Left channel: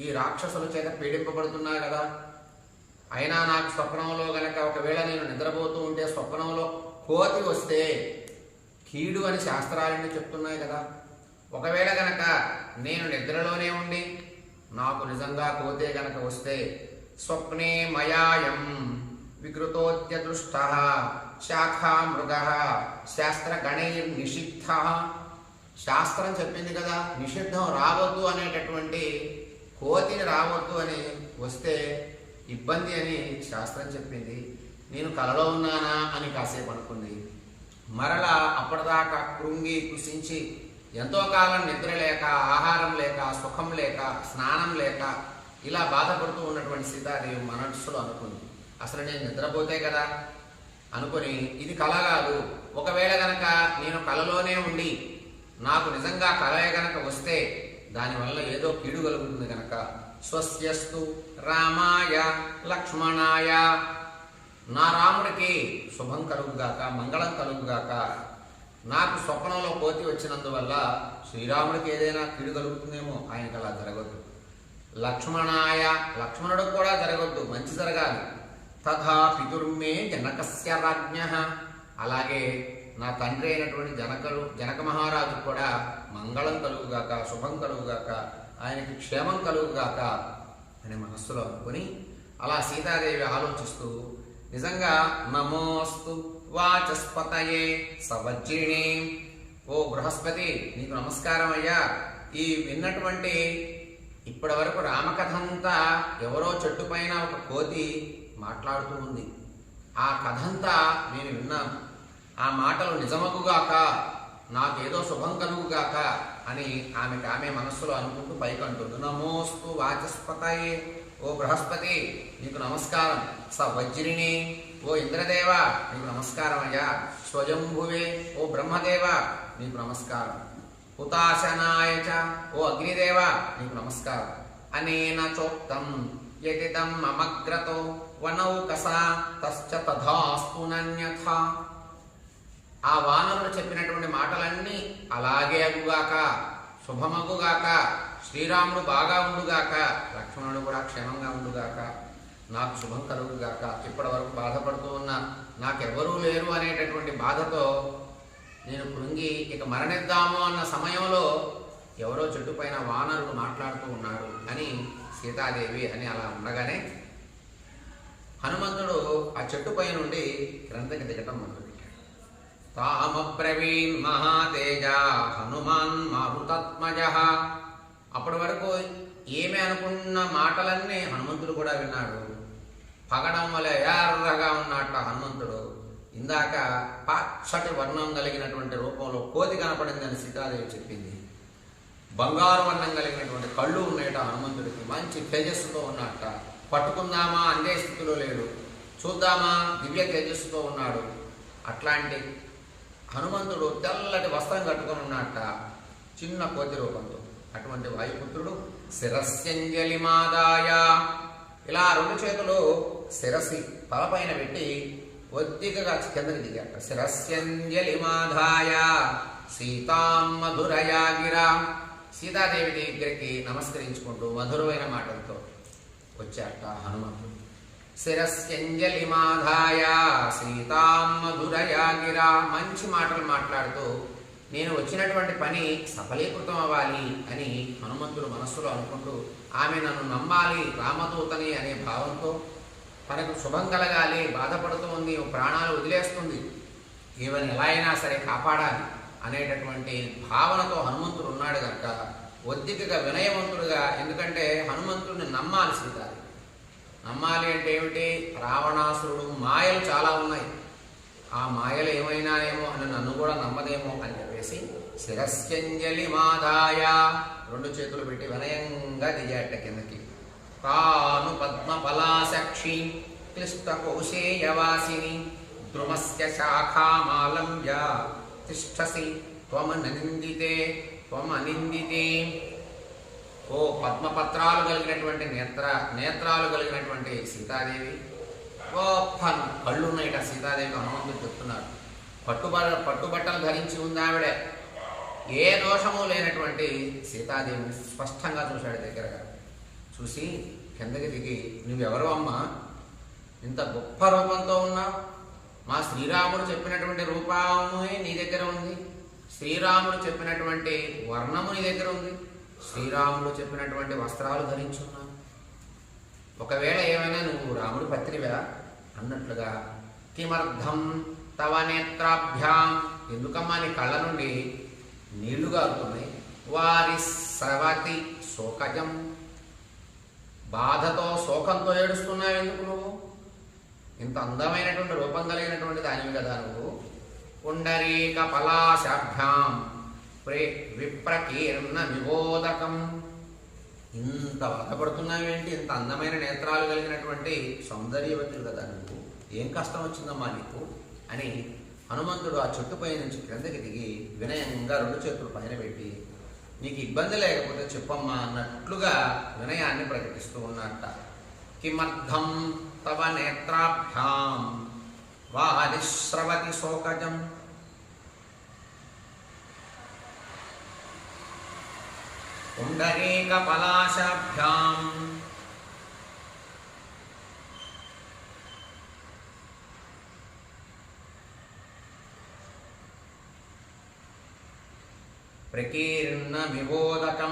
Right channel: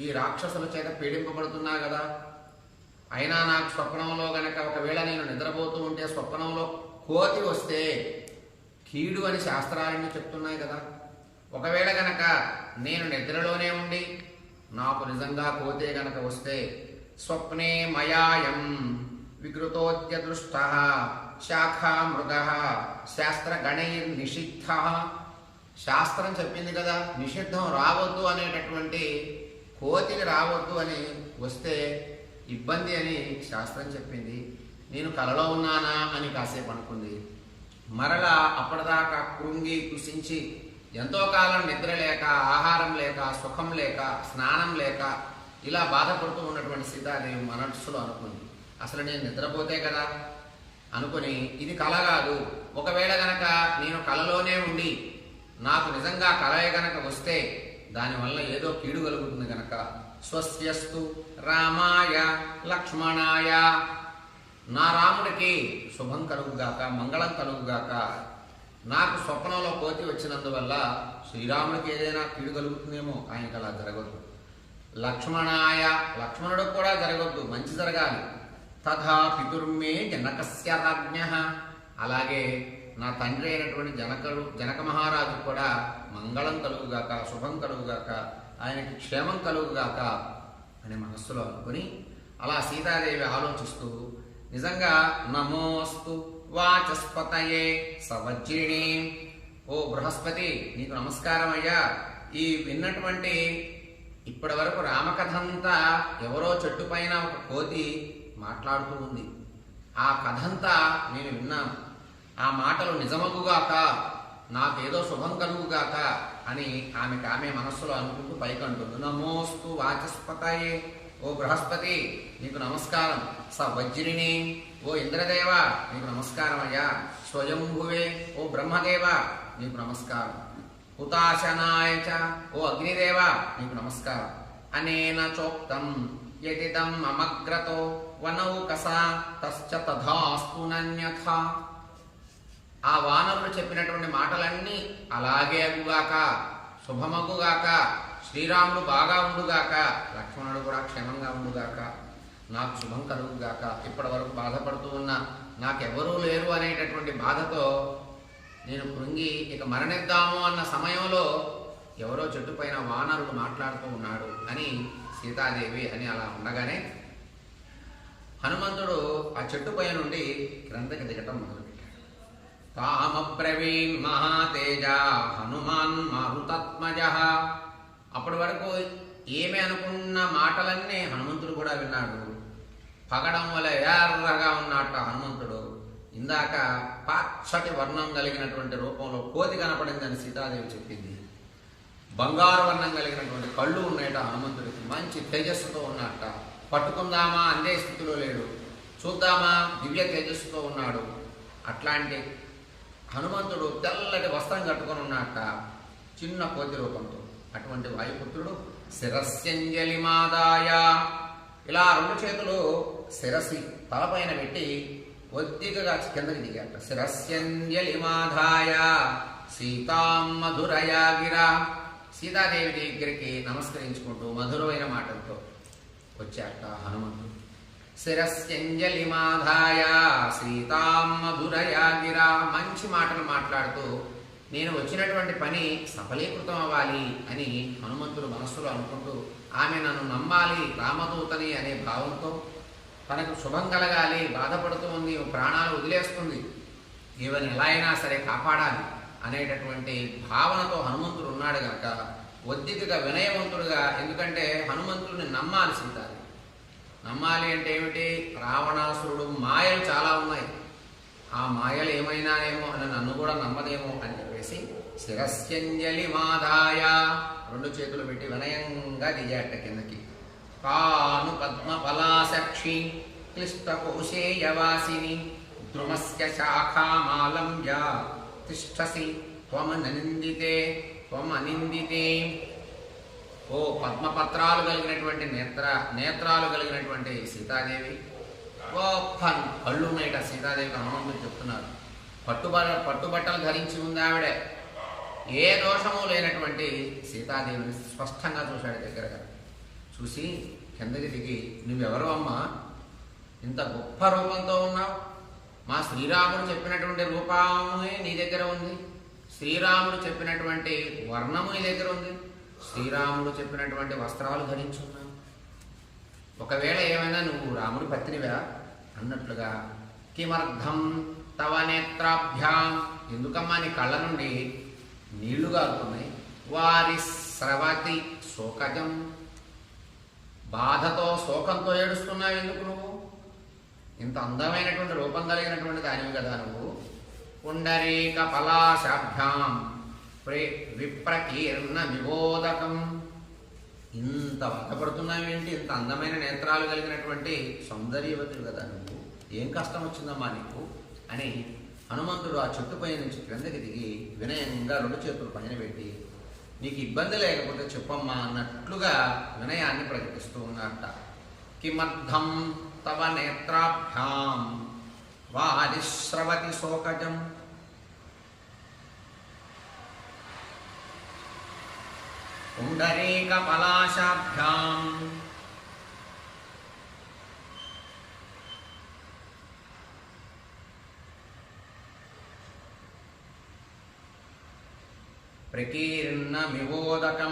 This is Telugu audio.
ఈ రాక్షసుల చేత పీడింపబడుతున్నా కదా. అయినా నాకు స్వప్నంలో గనక ఒకవేళ నేను నిద్రపోతూ ఉంటే స్వప్నంలో కోతి వస్తే కీడు అని శాస్త్రాలన్నీ చెప్తున్నాయి కదా. ఒకవేళ గనక నేను నిద్రలోనే ఉండి నాకు నిజంగా కోతే గనక వస్తే స్వప్నే మయాయం వికృతోద్యదృష్ట శాఖా మృగ శాస్త్ర నిషిద్ధ. శాస్త్రం చెప్పింది కదా నిషిద్ధం రావద్దు అనేటటువంటి కోతిని రావద్దు అని వస్తే ఇబ్బంది అని శాస్త్రం చెప్పింది. నేను కలలో ఉన్నానా అని కాసేపు అనుకుంది. మరలా అప్పటిదాకా కృంగి కుసించి ఎంతో కాలం నిద్ర లేక ఆహారం లేక సుఖం లేక స్నానం లేక ఇలా బాధపడుతూ ఉన్నటువంటి సీతాదేవి మనస్సులో అనుకుంది. అసలు నేను నిద్రపోతే కదా? అనుకుని ఇది కల కాదు. ఒకవేళ గనక నేను కలలోనే ఉండి నాకు నిజంగా కలయ గనక వస్తే దానివల్ల ఏదో కీడు కలుగుతుంది కనుక స్వస్యస్తు రామాయ లక్ష్మణాయ. నా రాముడికి శుభం కలుగుగాక మంగళం కలుగుగాక. నాకు స్వప్నంలో కోతి వచ్చినందువల్ల శ్రీరాముడికి ఏదైనా కీడు కలుగుతుందేమో ఆయనకి అలా జరగద్దు. లక్ష్మణాయ లక్ష్మణుడికి కూడా జరగద్దు మంచి జరగాలి. తథా పితుర్మే జనకస్య రాజ్ఞ. అలాగే నా తండ్రి అయినటువంటి జనకలు జనక మహారాజు కూడా మంగళం కలుగుగాక శుభం కలుగుగాక ఆయనకి క్షేమం కలుగుగాక అని మనస్సులో అనుకుని అలా సీతాదేవి ఆలోచిస్తూ నిజంగా నమోస్తు వాచస్పతయే సవజ్రిణి ఓ బృహస్పతి నీకు నమస్కారం అయ్యా. ఈ విన్నటువంటి ఇప్పటి వరకు రామకథ అంతా ఎవరో చెట్టు పైన ఒక కోతి మాట్లాడుతూ ఉంది. ఆ కథంతా నేను విన్నాను. ఆ మాటలు నిజమగుగాక నాకేదో శుభం కలుగుగాక అని ఆమెకు ఆమె మనస్సులో అనుకుంటూ పైకంటుంది. నమోస్తు వాచస్పతయే. ఓ బృహస్పతి నీకు నమస్కారం. స వజ్రిణి. ఓ ఇంద్రదేవ నీకు నమస్కారం అయ్యా. స్వయంభువే. ఓ బ్రహ్మదేవ నీకు నమస్కారం. హుతాశనాయ ఓ అగ్నిదేవ నీకు నమస్కారం. అనేన చోక్తం యతిదం మమగ్రతో వనౌకస. తశ్చ తథాస్తు ఆ వానరులు చెప్పినటువంటి మాటలన్నీ అలాగే అగుగాక శుభమగుగాక శ్రీరాముడు బాగా ఉండుగాక లక్ష్మణుడు కూడా క్షేమంగా ఉండుగాక నాకు శుభం కలుగుగాక ఇప్పటి వరకు బాధపడుతూ ఉన్న నాకెవరూ లేరు అనేటటువంటి బాధతో నేను కృంగి ఇక మరణిద్దాము అన్న సమయంలో ఎవరో చెట్టు పైన వానరుడు మాట్లాడుతూ ఉన్నాడు అని సీతాదేవి అని అలా ఉండగానే హనుమంతుడు ఆ చెట్టు పై నుండి క్రిందకి దిగటం మొదలు తామబ్రవీన్ మహాతేజ హనుమాన్ మారుతత్మజ. అప్పటి వరకు ఏమి అనుకున్న మాటలన్నీ హనుమంతుడు కూడా విన్నాడు. పగడం వల్ల ఎర్రగా ఉన్నట్ట హనుమంతుడు. ఇందాక పచ్చటి వర్ణం కలిగినటువంటి రూపంలో కోతి కనపడింది అని సీతాదేవి చెప్పింది. బంగారు వర్ణం కలిగినటువంటి కళ్ళు ఉన్నాయట హనుమంతుడికి. మంచి తేజస్సుతో ఉన్నట్ట పట్టుకుందామా? అందే స్థితిలో లేడు. చూద్దామా? దివ్య తేజస్సుతో ఉన్నాడు. అట్లాంటి హనుమంతుడు తెల్లటి వస్త్రం కట్టుకొని ఉన్నట్ట చిన్న కోతి రూపంతో. అటువంటి వాయుపుత్రుడు శిరస్యంజలి మాదాయ. ఇలా రెండు చేతులు శిరసి తలపైన పెట్టి ఒద్దికగా కిందకి దిగాట శిరస్యంజలి మాధాయ సీతాం మధురయాగిరా సీతాదేవి దగ్గరికి నమస్కరించుకుంటూ మధురమైన మాటలతో వచ్చాట హనుమంతుడు. శిరస్యంజలి మాధాయ సీతాం మధురయా గిరా మంచి మాటలు మాట్లాడుతూ నేను వచ్చినటువంటి పని సఫలీకృతం అవ్వాలి అని హనుమంతుడు మనస్సులో అనుకుంటూ ఆమె నన్ను నమ్మాలి రామదూతని అనే భావంతో తనకు శుభం కలగాలి బాధపడుతూ ఉంది ప్రాణాలు వదిలేస్తుంది. ఈవెన్ ఎలా అయినా సరే కాపాడాలి అనేటటువంటి భావనతో హనుమంతుడు ఉన్నాడు కనుక ఒద్దికగా వినయవంతుడుగా ఎందుకంటే హనుమంతుడిని నమ్మాలి సీతాది నమ్మాలి అంటే ఏమిటి? రావణాసురుడు మాయలు చాలా ఉన్నాయి. ఆ మాయలు ఏమైనానేమో అని నన్ను కూడా నమ్మదేమో అని చెప్పేసి శిరస్యంజలి మాదాయ రెండు చేతులు పెట్టి వినయంగా దిగాట కిందకి. కాను పద్మ పలాసక్షి క్లిష్ట కౌశేయవాసిని ద్రుమస్య శాఖామాలంబ్య తిష్టసి త్వమనిందితే త్వమనిందితే ఓ పద్మపత్రాలు కలిగినటువంటి నేత్ర నేత్రాలు కలిగినటువంటి సీతాదేవి. గొప్ప కళ్ళు ఉన్నాయిట సీతాదేవికి హనుమంతుడు చెప్తున్నారు. పట్టుబట్ట పట్టుబట్టలు ధరించి ఉంది ఆవిడ. ఏ దోషము లేనటువంటి సీతాదేవిని స్పష్టంగా చూశాడు దగ్గరగా. చూసి కిందకి దిగి నువ్వెవరు అమ్మా? ఇంత గొప్ప రూపంతో ఉన్నావు. మా శ్రీరాముడు చెప్పినటువంటి రూపమే నీ దగ్గర ఉంది. శ్రీరాముడు చెప్పినటువంటి వర్ణము నీ దగ్గర ఉంది. శ్రీరాముడు చెప్పినటువంటి వస్త్రాలు ధరించున్నా. ఒకవేళ ఏమైనా నువ్వు రాముడి పత్నివా? అన్నట్లుగా కిమర్థం తవ నేత్రాభ్యాం. ఎందుకమ్మా నీ కళ్ళ నుండి నీళ్ళు కారుతున్నాయి వారి స్రవతి శోకజం. బాధతో శోకంతో ఏడుస్తున్నావు ఎందుకు నువ్వు? ఇంత అందమైనటువంటి రూపం కలిగినటువంటి దానివి కదా నువ్వు. పుండరీక పలాశాభ్యాం ప్రే విప్రకీర్ణ విబోధకం ఇంత బాధపడుతున్నావేంటి? ఇంత అందమైన నేత్రాలు కలిగినటువంటి సౌందర్యవతులు కదా నువ్వు. ఏం కష్టం వచ్చిందమ్మా నీకు? అని హనుమంతుడు ఆ చెట్టుపై నుంచి క్రిందకి దిగి వినయంగా రెండు చేతులు పైన పెట్టి నీకు ఇబ్బంది లేకపోతే చెప్పమ్మా అన్నట్లుగా వినయాన్ని ప్రకటిస్తూ ఉన్నట్ట కిమర్థం తవ నేత్రాభ్యాం. వారిశ్రవతి శోకజం. पुण्डरीकपलाशाभ्याम्। प्रकीर्णमिवोदकम्।